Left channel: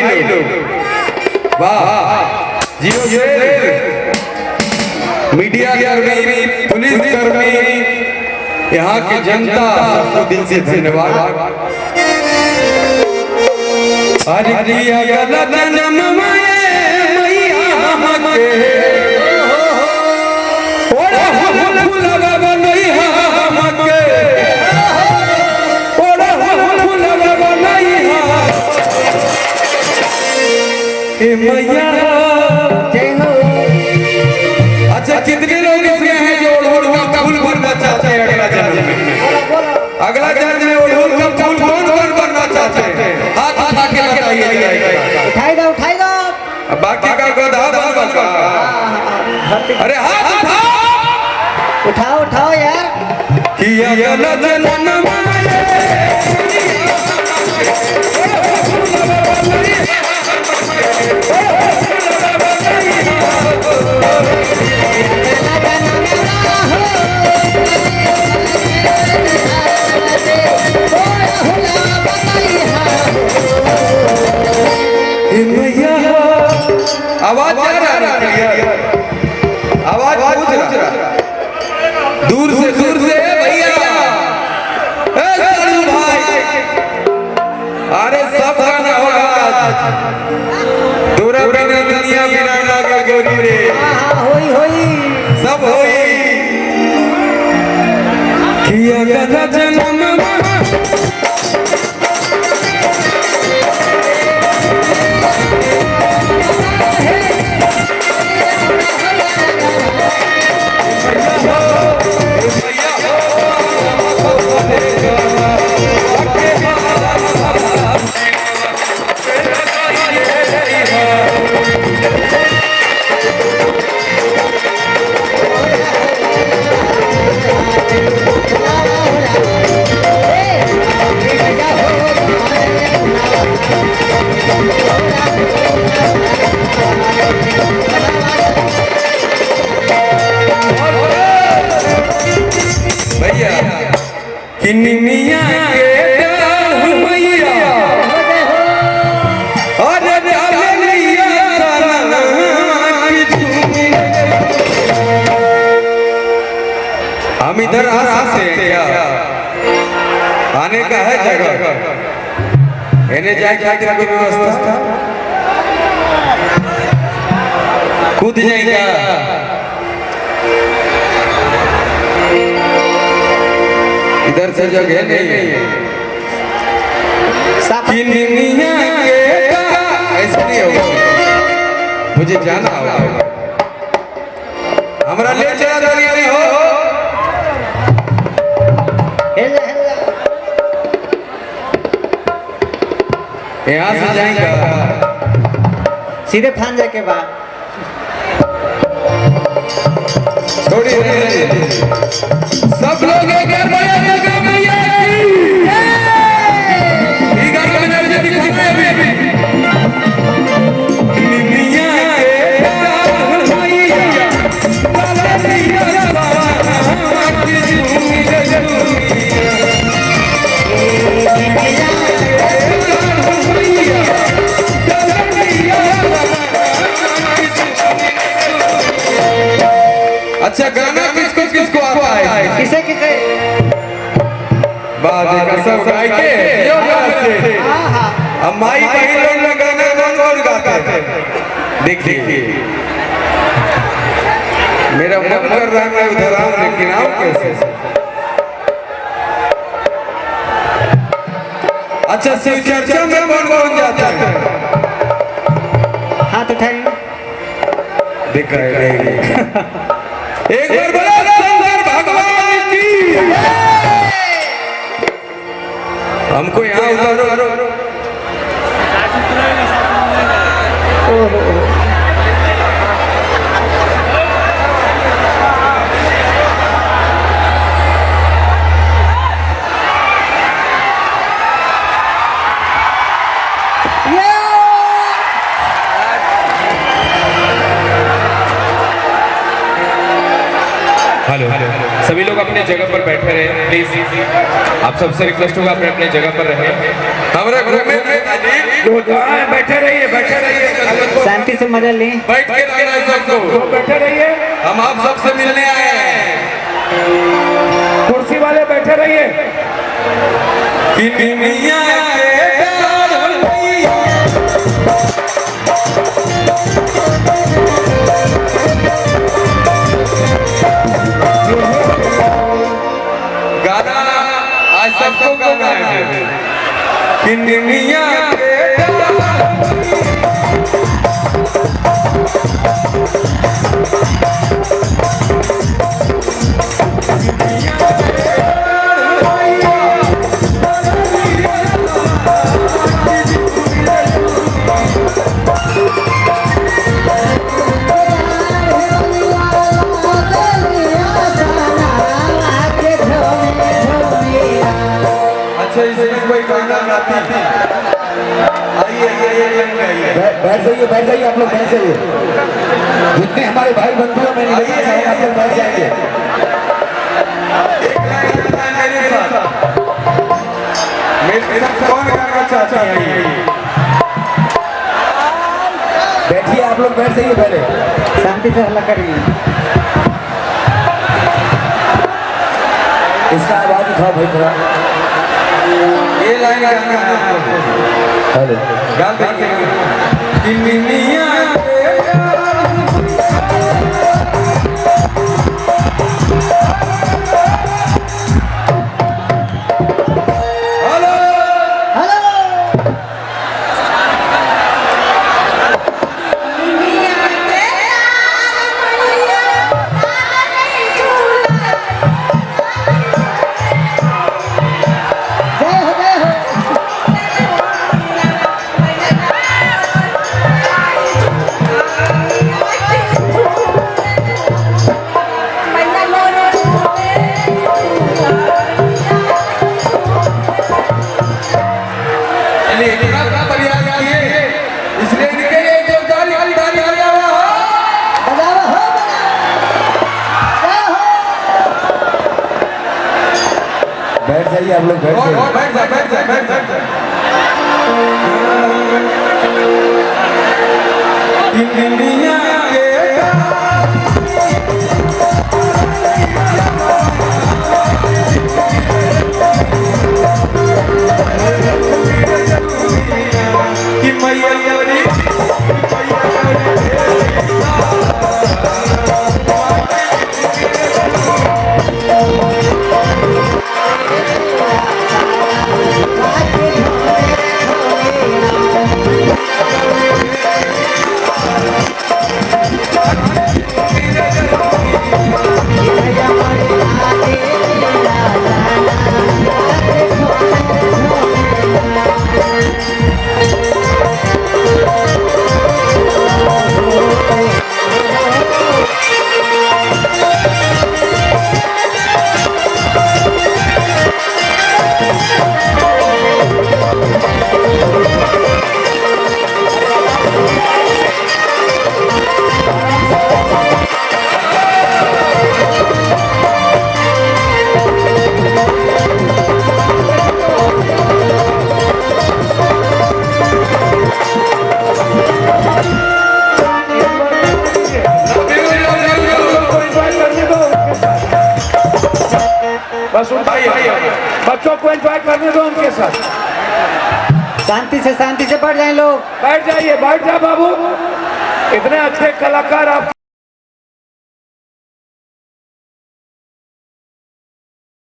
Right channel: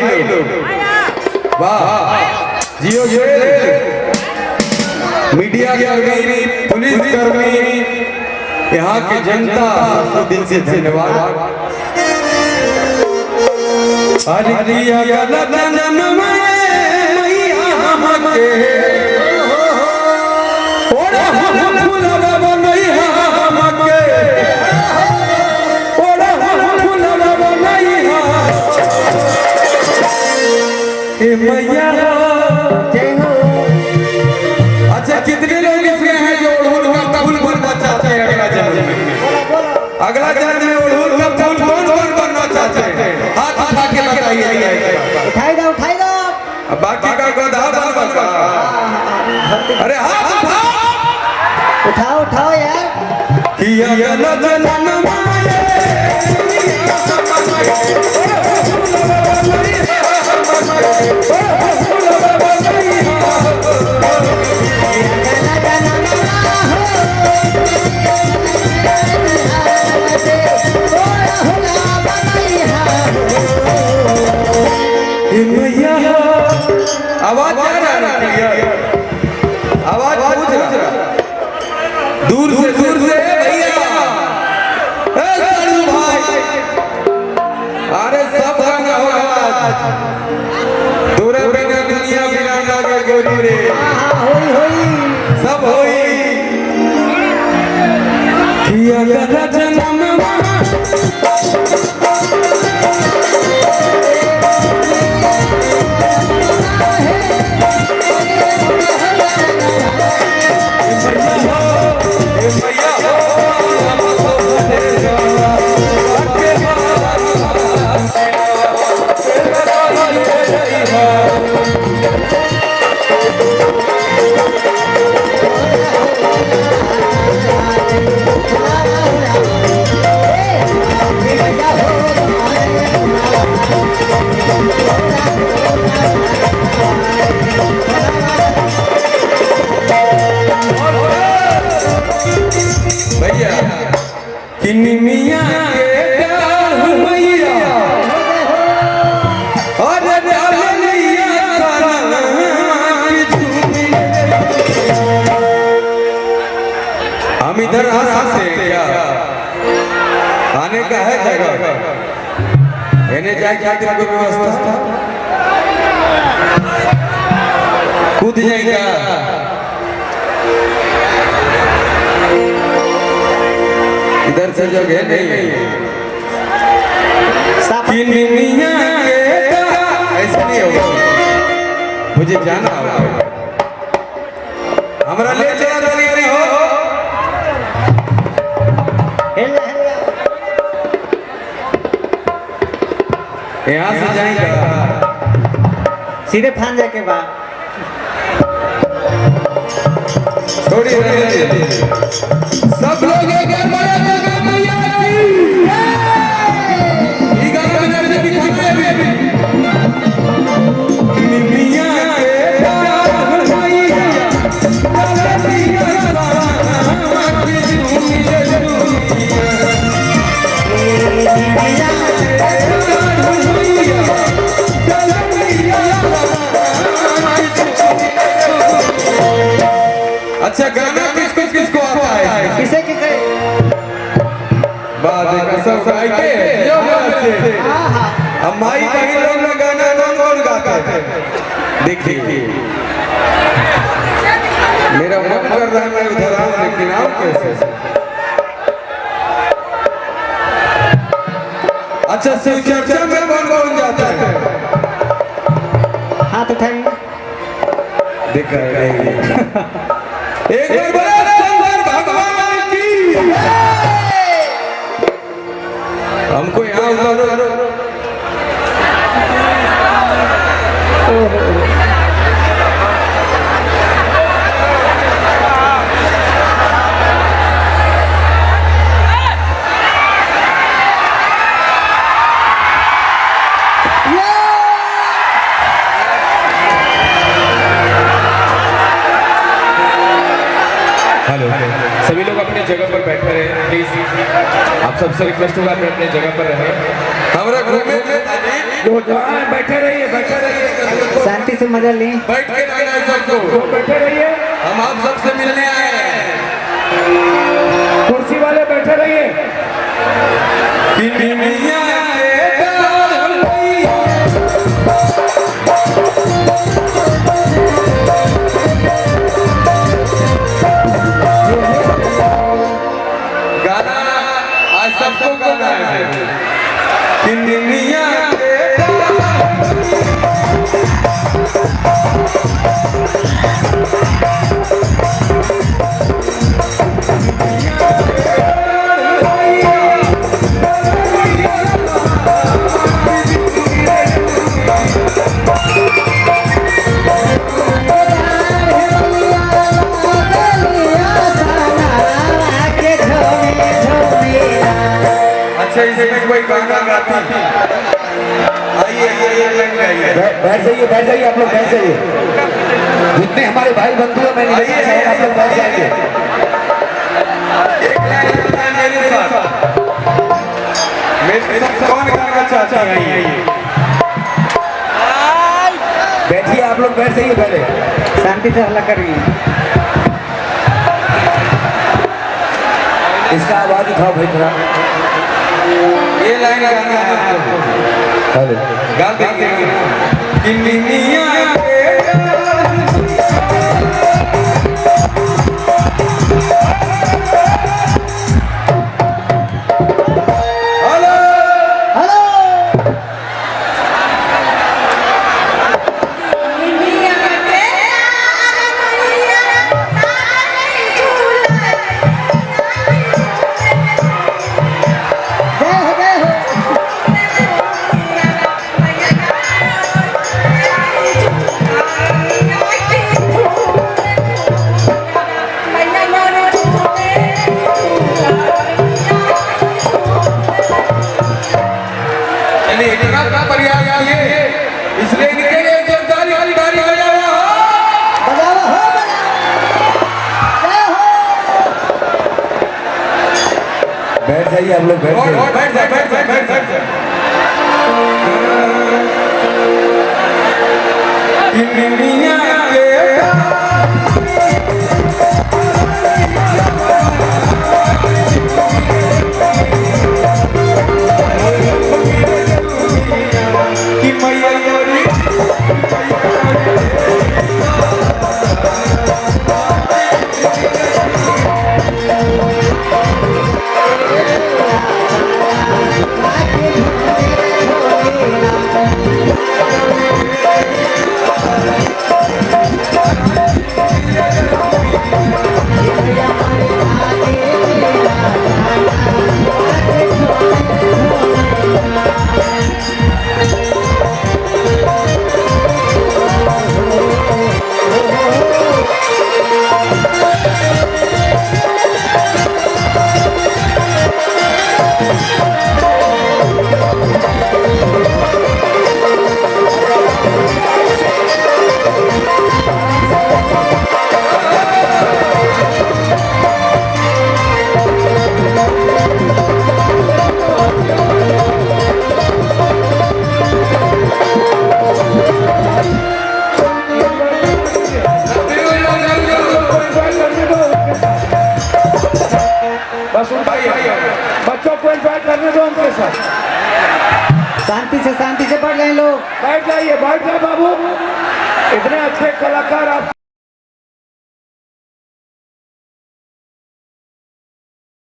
भाई लोग, वाह जियो जी, मीडिया कर्मी, पुलिस कर्मी, यहाँ की जनता सबको दिल से धन्यवाद। आज दिया गला जन्म मैया हमके, ओड़ा फूल लगा मैया हमके, ओड़ा फूल लगा मैया ए मैया। अच्छा कितने लोग इसमें हैं जो ओढ़ का फूल बनना चाहते हैं अगला जन्म में? अगला जन्म में ओढ़ का फूल कौन बनना चाहते हैं? हाथ उठा के बताइए। उठाई दो उठाई दो। बाकी का गधा बनवा। अरे हाथ उठाओ उठाओ उठाओ यार। किया गला जन्म आवाज आ रहा है, आवाज पूछ रहा, दूर से भैया, साड़ू भाई, अरे सब गाना होगा, दूरा बिना दुनिया बिना का गोरी रे, होई सब होई। किया गला जन्म भैया किन्नी मियाँ के डाल मैया और डालिया सारा की झूमी। हम इधर आ सकते हैं क्या? आने का है जगह? इन्हें जाए कोई व्यवस्था? कूद जाएगा? इधर से जगह नहीं है। ऐसा नहीं होगा, मुझे जाना होगा। हमारा ले चला नहीं हो। यहाँ से जाएंगे सीधे फान जाए के बाद थोड़ी सब लोग अच्छा गाना किसको आता है? किसे किसे बात कसम गाय के हम माई कहीं लोग ना गाना कौन गाता है? देखिए मेरा मन कर रहा है मैं उधर आऊं, लेकिन आऊं कैसे? अच्छा शिव चर्चा में कौन जाता है? हाथ उठाइए। देखा है एक बार बोला शंकर भगवान की। हमको यहाँ उतारो। हेलो, सभी लोग अपने जगह पर बैठे रहे प्लीज। आप सबसे रिक्वेस्ट होगा अपने अपने जगह पर रहें। हमारे ग्रुप में बैठे रहिए शांति से मजा लें। बैठ के रहना है सबको। बैठे रहिए, हम आप सबसे मिलने आए हैं। कुर्सी वाले बैठे रहिए। कि मिमिया के डाल भैया, गाना आज सबको गाना है कि मिमिया के डाल अच्छा इसमें कोई गाना गाती आइए बैठ जाइए आप लोग बैठ जाइए। जितने हमारे भाई बंधु हैं मैंने देखा है आप लोग बैठ जाइए। मेरे साथ कौन गाना चाहता है? बैठिए आप लोग बैठ जाइए पहले। शांति से हल्ला करिए। इसका आवाज उठाओ भाई थोड़ा। ये लाइन गाना है आपको। हेलो गा देंगे कि मिमिया के हेलो हेलो। जय हो जय हो। चलिए इतना प्रयास किए इसलिए इनके लिए एक ताली ताली बजा हुआ बजाओ हो जय हो। बैठ जाइए आप लोग बैठ और जाइए। बैठ जा बैठ जा बैठ जा कि मिमिया के कि मैया मोरी बस उठाइए, बच्चों को एंजॉय करने दो उनके साथ। शांति से बैठ जाए लोग। बैठ जाइए, बैठ जाओ बाबू। इतने अच्छे कलाकार आप